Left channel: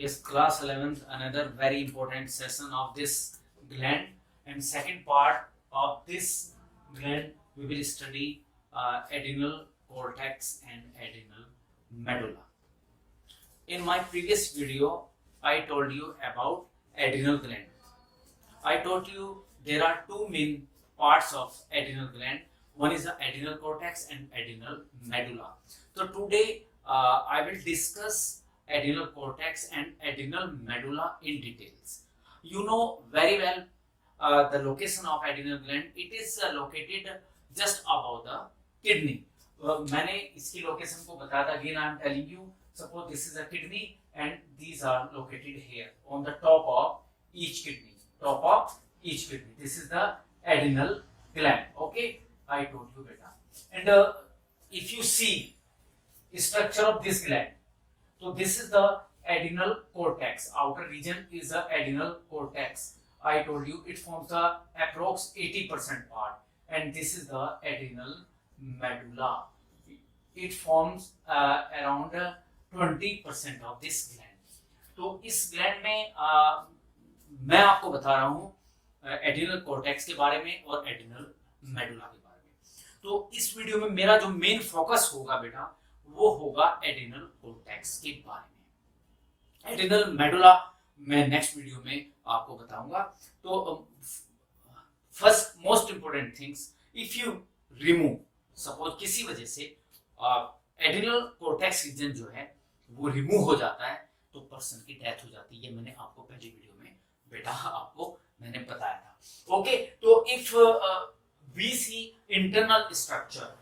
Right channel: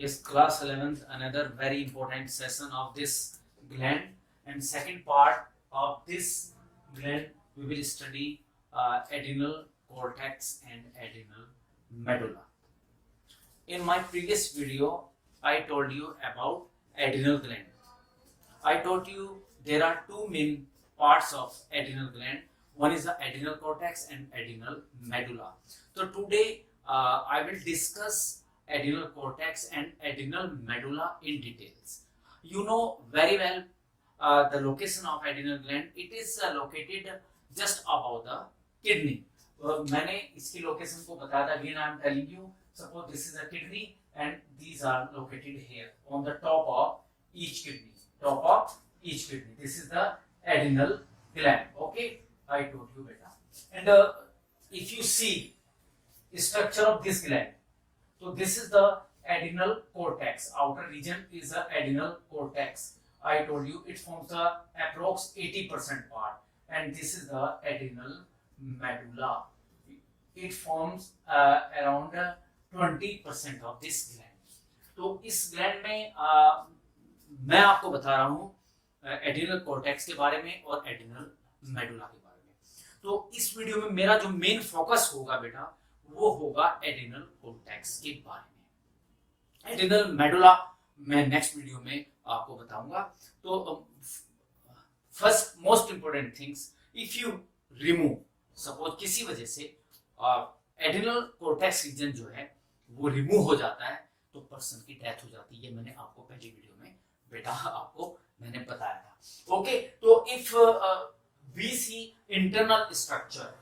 is class 11th, another very important session of this gland. And second part of this gland, we will study adrenal cortex and adrenal medulla. In my previous video, I told you about adrenal gland. I told you there are two main parts of adrenal gland. One is the adrenal cortex and adrenal medulla. So today I will discuss adrenal cortex and adrenal medulla in details. You know very well the location of adrenal gland. It is located just above the kidney. मैंने इसकी location को बताया था. Again I am telling you, suppose this is a kidney and these are located here on the top of each kidney. Top of each kidney. This is the adrenal gland. Okay, I told you beta. And if you see structure of this gland, so this is the adrenal cortex. Outer region is the adrenal cortex. I told you it forms the approx 80% part, and this is the adrenal medulla. It forms around 20% of this gland. तो इस gland में मैं आपको बता रहा हूँ adrenal cortex के बारे में और एड्रिनल मेडुला के बारे में. तो इस वीडियो में मेरा जो मेन फोकस होगा बेटा, वो होगा एड्रिनल कॉर्टेक्स के बारे में. एड्रिनल मेडुला मैं नेक्स्ट वीडियो में आपको बताऊंगा. तो first most important things, if you remove, suppose किसी वजह से एड्रिनल कॉर्टेक्स रीजन जो है वो रिमूव हो जाता है, तो पर्सन की डेथ हो जाती है. ये मैंने आपको पहले वीडियो में बेटा आपको मैंने बताया था. ओके, तो if we see internal structure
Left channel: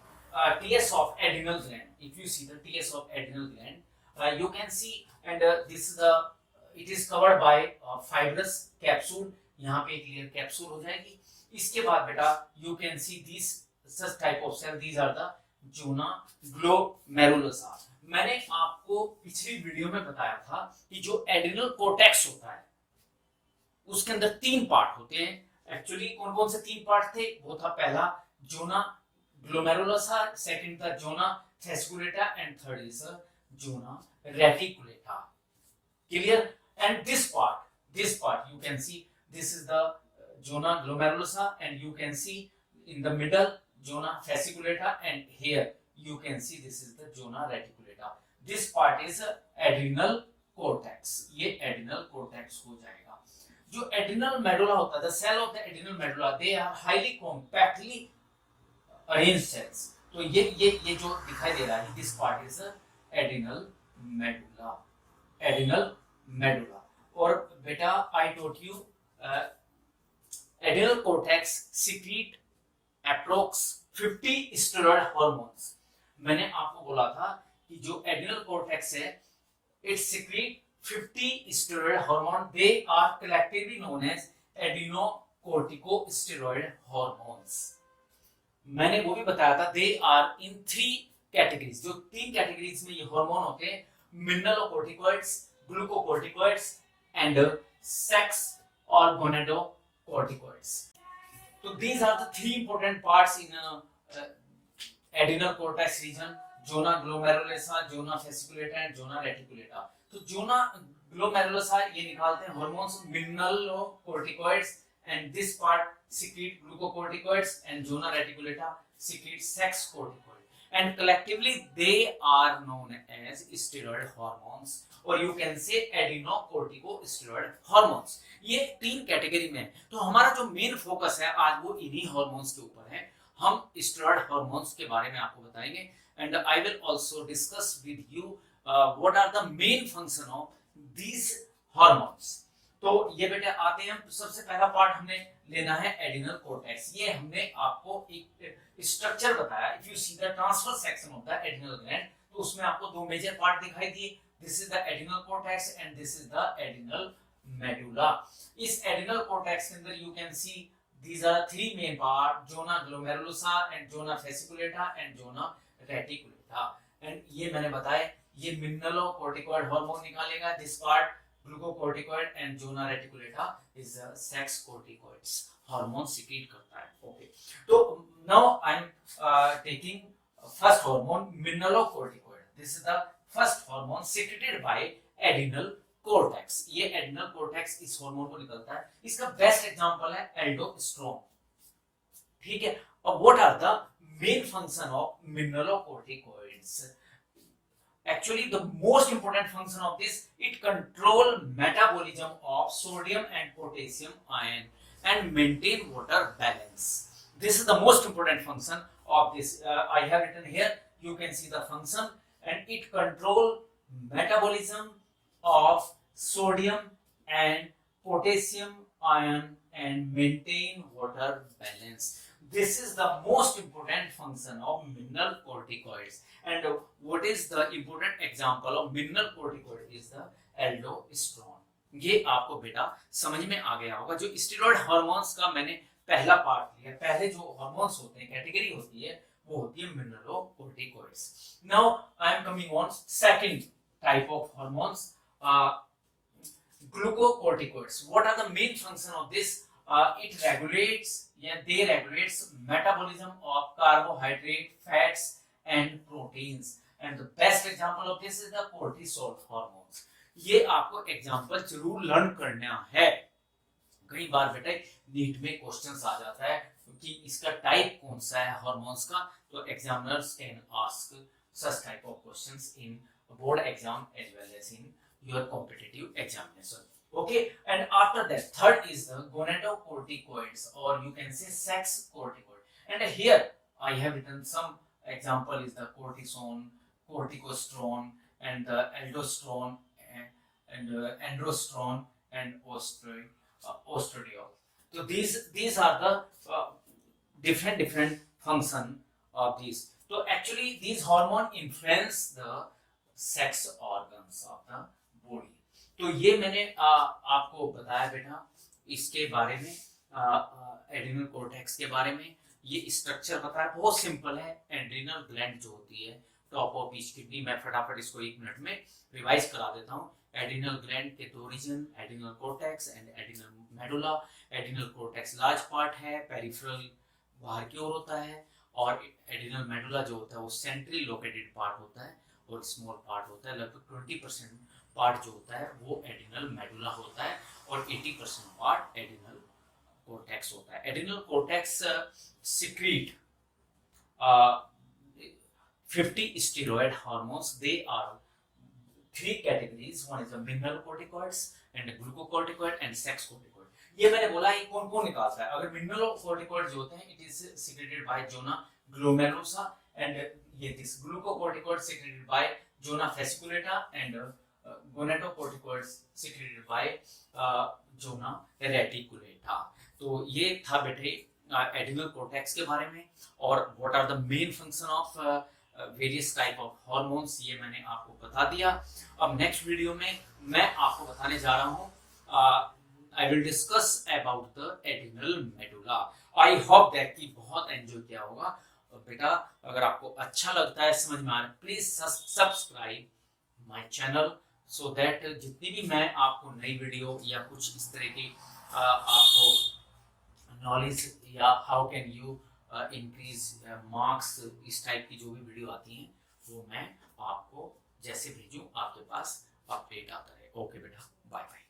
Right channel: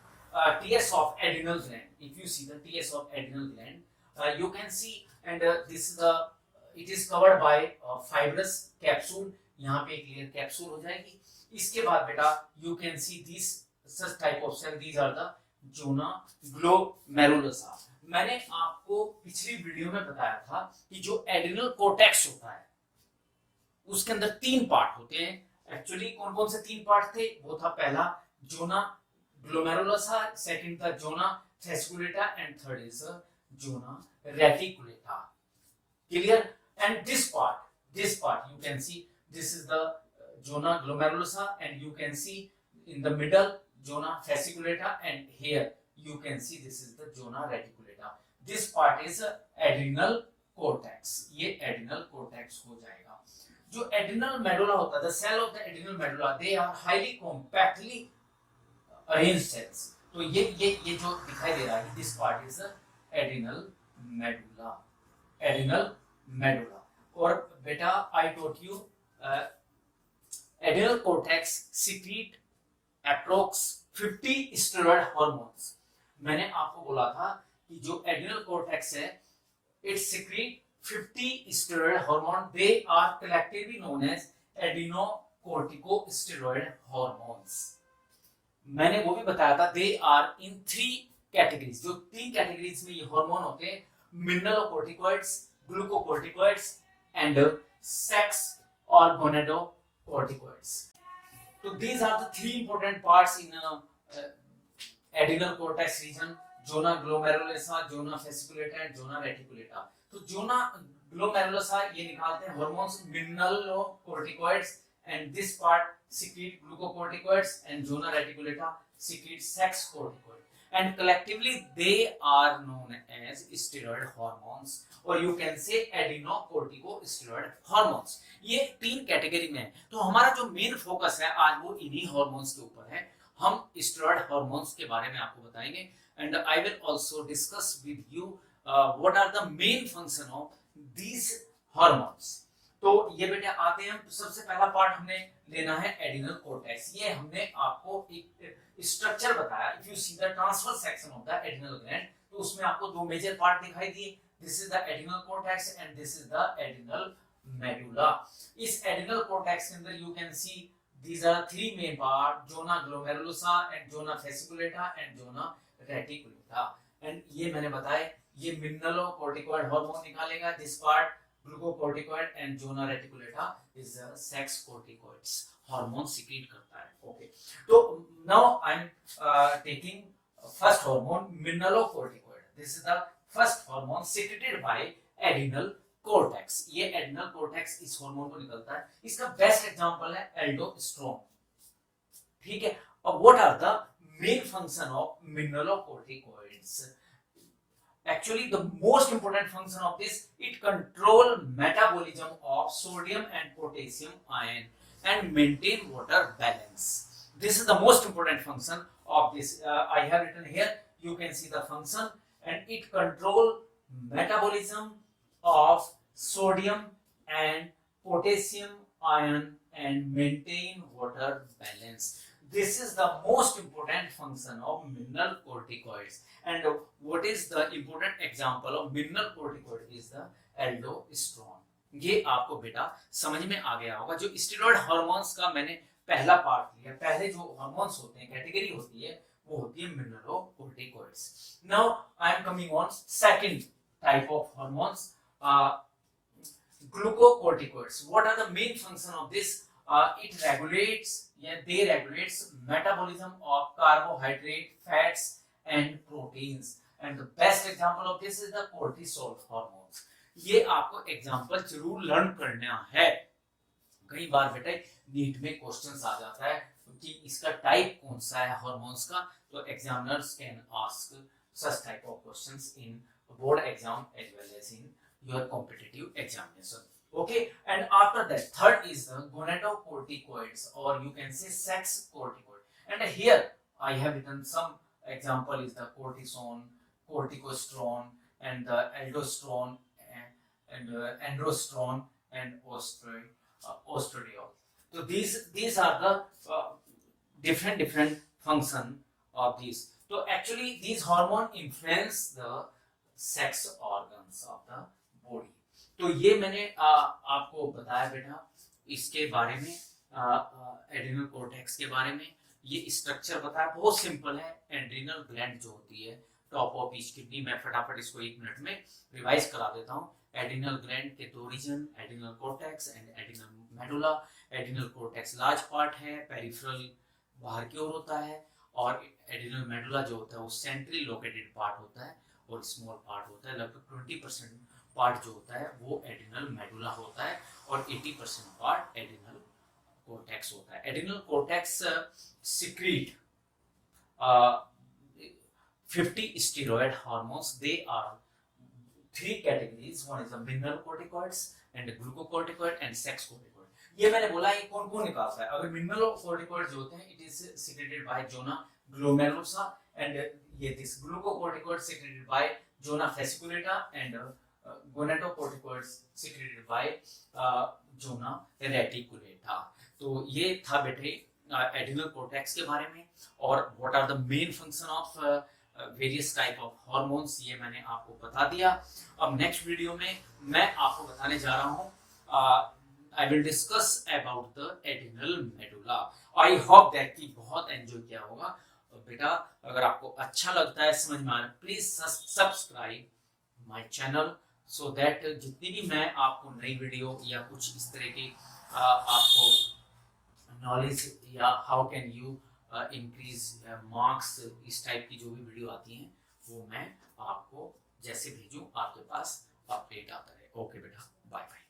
TS of adrenal gland, if you see the TS of adrenal gland, you can see, and this is the, it is covered by fibrous capsule. यहाँ पे clear capsule हो जाएगी. इसके बाद बेटा you can see this such type of cell, these are the zona glomerulosa. मैंने आपको पिछली वीडियो में बताया था कि जो एड्रिनल कोर्टेक्स होता है उसके अंदर तीन पार्ट होते हैं. एक्चुअली कौन कौन से तीन पार्ट थे? वो था पहला जोना ग्लोमेरुलोसा, सेकंड था zona fasciculata, and third is zona reticulata. Clear? And this part you can see, this is the zona glomerulosa, and you can see in the middle zona fasciculata, and here you can see this is the zona reticulata. This part is adrenal cortex. ये adrenal cortex हो जाएगा. जो adrenal medulla होता है, the cell of the adrenal medulla, they are highly compactly arranged cells. तो ये जो दिखाई दे रहा है, this part is adrenal medulla. Adrenal medulla. और बेटा I taught you adrenal cortex secrete approx 50 steroid hormones. मैंने आपको बोला था कि जो एड्रिनल कॉर्टेक्स है, it secrete 50 steroid hormone. They are collectively known as adrenocorticosteroid hormones. मैंने वो भी बताया था, they are in 3 categories. जो 3 categories में ये हार्मोन होते हैं, mineralocorticoids, glucocorticoids and sex or gonadocorticoids. So these are the 3 important parts in adrenal cortex region: zona glomerulosa, zona fasciculata and zona reticulata. तो zona glomerulosa ये निकालते हैं hormones mineralocorticoids, and this part secrete glucocorticoids, and zona reticulata secrete sex corticoid, and collectively they are known as steroid hormones, or you can say adrenocorticosteroid hormones. ये 3 category में है. तो हमारा जो मेन फोकस है आज वो इन्हीं हार्मोन्स के ऊपर है. हम स्टेरॉइड हार्मोन्स के बारे में आपको बताएंगे, and I will also discuss with you what are the main function of these hormones. तो ये बेटे आते हैं. सबसे पहला पार्ट हमने लेना है एड्रिनल कॉर्टेक्स. ये हमने आपको एक स्ट्रक्चर बताया. If you see the transverse section of the adrenal gland, तो उसमें आपको 2 मेजर पार्ट दिखाई दिए. This is the adrenal cortex and this is the adrenal medulla. इस एड्रिनल कॉर्टेक्स के अंदर you can C these are 3 main part: zona glomerulosa and zona fasciculata and zona reticulata. And ये मैंने बताया, ये mineralocorticoid hormone निकालेगा. this part glucocorticoid, and zona reticulata is sex corticoids hormone secrete करता है. okay, तो now I am taking first hormone, mineralocorticoid. This is the first hormone secreted by adrenal cortex, ये adrenal cortex इस hormone को निकलता है। इसका best example है एल्डोस्टेरोन, ठीक है। और what are the main function of mineralocorticoids? Actually, the most important function of this, it control metabolism of sodium and potassium ion and maintain water balance. This is the most important function of this. I have written here, you can see the function, and it control metabolism of sodium and potassium ion and maintain water balance. This is the most important function of mineralocorticoids. And what is the important example of mineralocorticoid is the aldosterone. ये आपको बेटा समझ में आ गया होगा। जो steroid hormones का मैंने पहला पार्ट लिया, पहले जो हार्मोन्स होते हैं, कैटेगरी होती है, वो होती है mineralocorticoids. Now I am coming on second type of hormones, glucocorticoids. What are the main function of this? It regulates, they regulates metabolism of carbohydrate, fats and proteins. And the best example of this is the cortisol hormones. ये आपको example जरूर learn करना है। कई बार बेटे NEET में questions आ जाता है कि इसका टाइप कौन सा है हार्मोन्स का, तो examiners can ask such type of questions in board exam as well as in your competitive examination. Okay, and after that third is the gonadocorticoids, or you can say sex corticoid. And here I have written some example is the cortisone, corticosterone and the aldosterone and androsterone and ostradiol. So these are the different function of these. So actually these hormone influence the sex organs of the body. तो ये मैंने आपको बताया बेटा इसके बारे में, adrenal cortex के बारे में। ये स्ट्रक्चर बताया, बहुत सिंपल है। एड्रिनल ग्लैंड जो होती है टॉप ऑफ ईच किडनी, मैं फटाफट इसको 1 मिनट में रिवाइज करा देता हूँ। एड्रिनल ग्लैंड के 2 region, adrenal cortex and adrenal medulla. Adrenal cortex large part है, पेरिफेरल बाहर की ओर होता है, और एड्रिनल मेडुला जो होता है वो सेंट्रली लोकेटेड पार्ट होता है, और स्मॉल पार्ट होता है। लगभग 20% पार्ट जो होता है वो एड्रिनल मेडुला होता है, और 80% पार्ट एड्रिनल कोर्टेक्स होता है। Adrenal cortex secrete 50 steroid hormones. They are 3 categories. One is the mineralocorticoids and glucocorticoid and sex corticoid. ये मैंने बोला ये कौन कौन निकालता है। अगर mineralocorticoid जो होते हैं, it is secreted by zona glomerulosa, and ये this glucocorticoid secreted by zona fasciculata, and gonadocorticoids secreted by zona reticulata. तो ये था बेटे एड्रिनल कोर्टेक्स के बारे में, और what are the main function of various type of hormones, ये मैंने आपको बता दिया। अब नेक्स्ट वीडियो में मैं आपको बताने जा रहा हूँ, I will discuss about the adrenal medulla. I hope that कि बहुत एंजॉय किया होगा बेटा। अगर आपको अच्छा लगता है, समझ में आ रहा है, please subscribe my channel, so that जितनी भी मैं आपको नई वीडियो या कुछ इस तरह की आपको नॉलेज या how can you increase marks, इस टाइप की जो भी वीडियो आती हैं वो मैं आपको जैसे भेजूं आपके पास अपडेट आता है। ओके बेटा, बाय बाय।